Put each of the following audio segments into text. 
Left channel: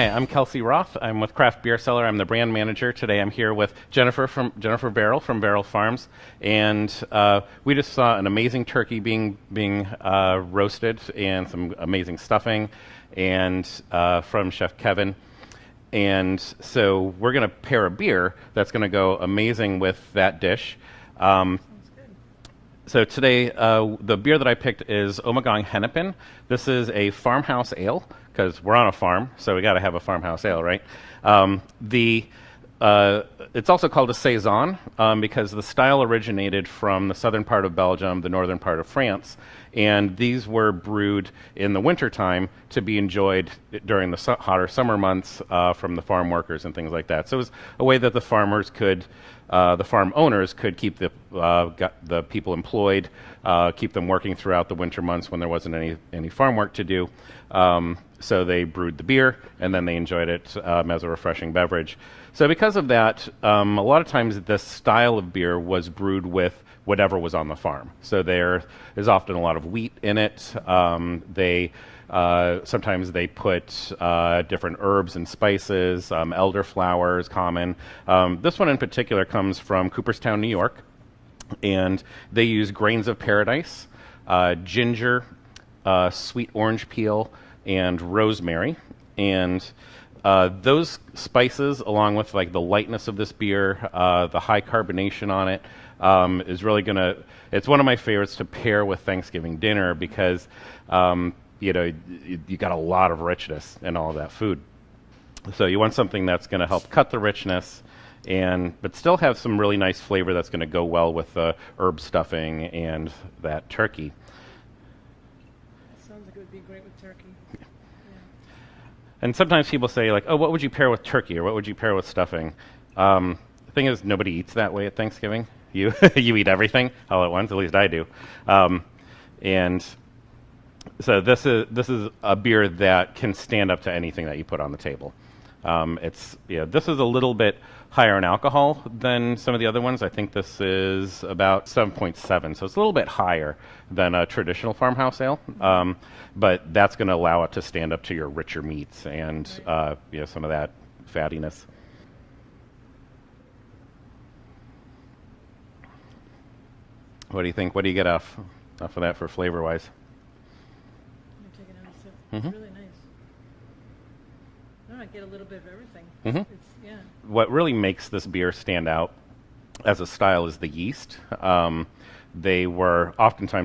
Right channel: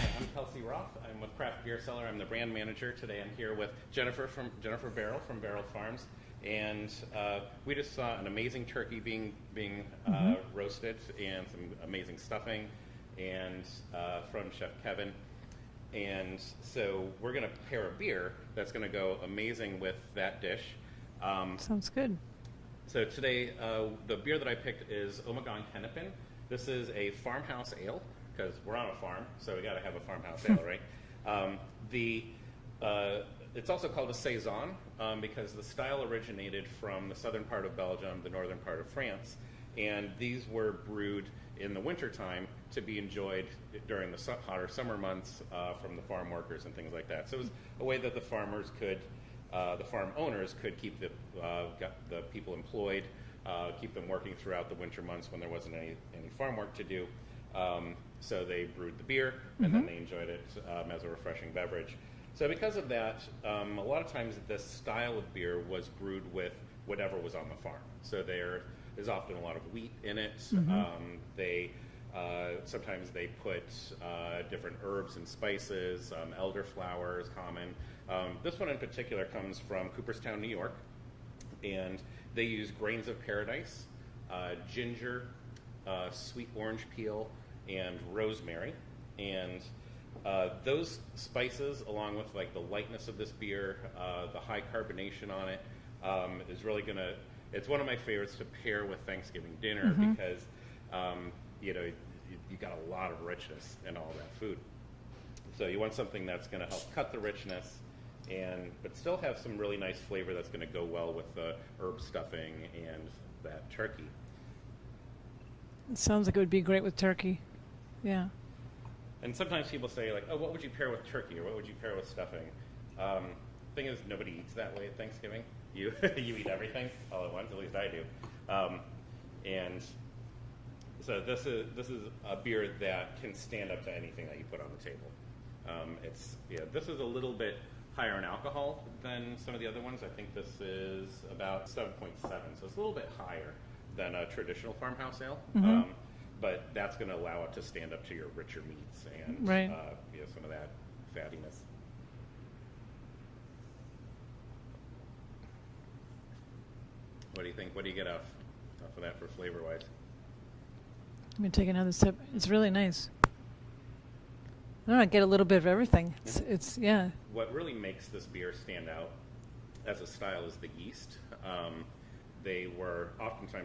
Hi, I'm Kelsey Roth. I'm with Craft Beer Cellar. I'm the brand manager. Today I'm here with Jennifer Verrill from Verrill Farms, and we just saw an amazing turkey being roasted, and some amazing stuffing, and from Chef Kevin. And so we're going to pair a beer that's going to go amazing with that dish. Sounds good. So today, the beer that I picked is Ommegang Hennepin. This is a farmhouse ale, because we're on a farm, so we got to have a farmhouse ale, right? It's also called a Saison because the style originated from the southern part of Belgium, the northern part of France, and these were brewed in the wintertime to be enjoyed during the hotter summer months from the farm workers and things like that. So it was a way that the farmers could, the farm owners could keep the people employed, keep them working throughout the winter months when there wasn't any farm work to do. So they brewed the beer, and then they enjoyed it as a refreshing beverage. So because of that, a lot of times this style of beer was brewed with whatever was on the farm. So there is often a lot of wheat in it. Sometimes they put different herbs and spices. Elderflower is common. This one in particular comes from Cooperstown, New York, and they use grains of paradise, ginger, sweet orange peel, and rosemary. And those spices, along with like the lightness of this beer, the high carbonation on it, is really gonna, it's one of my favorites to pair with Thanksgiving dinner because you know, you got a lot of richness in all of that food. So you want something that's gonna help cut the richness but still have some really nice flavor that's gonna go well with the herb stuffing and that turkey. It sounds like it would be great with turkey. Yeah. And sometimes people say, like, oh, what would you pair with turkey, or what would you pair with stuffing? The thing is, nobody eats that way at Thanksgiving. You you eat everything all at once, at least I do. And so this is a beer that can stand up to anything that you put on the table. This is a little bit higher in alcohol than some of the other ones. I think this is about 7.7, so it's a little bit higher than a traditional farmhouse ale. But that's going to allow it to stand up to your richer meats and some of that fattiness. What do you think? What do you get off of that for flavor-wise? Let me take another sip. It's really nice. I don't know, I get a little bit of everything. It's yeah. What really makes this beer stand out as a style is the yeast. Oftentimes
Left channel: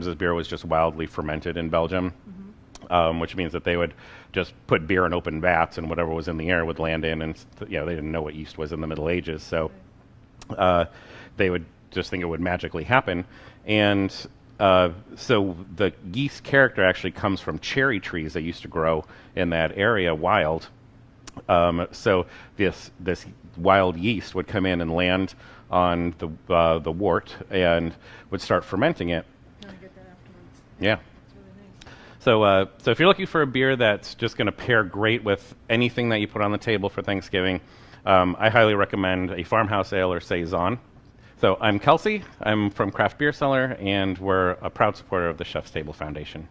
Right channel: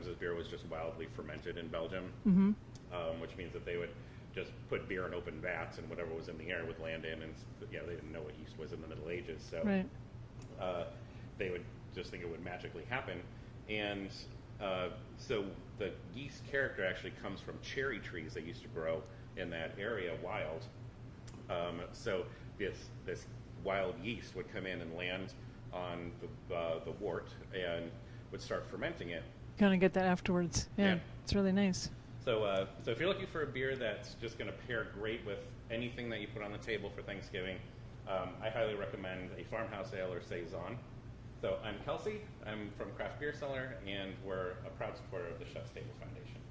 this beer was just wildly fermented in Belgium, which means that they would just put beer in open vats, and whatever was in the air would land in, and they didn't know what yeast was in the Middle Ages, so they would just think it would magically happen. And so the yeast character actually comes from cherry trees that used to grow in that area wild. So this wild yeast would come in and land on the wort and would start fermenting it. Kind of get that afterwards. Yeah. It's really nice. So if you're looking for a beer that's just going to pair great with anything that you put on the table for Thanksgiving, I highly recommend a farmhouse ale or Saison. So I'm Kelsey. I'm from Craft Beer Cellar, and we're a proud supporter of the Chef's Table Foundation.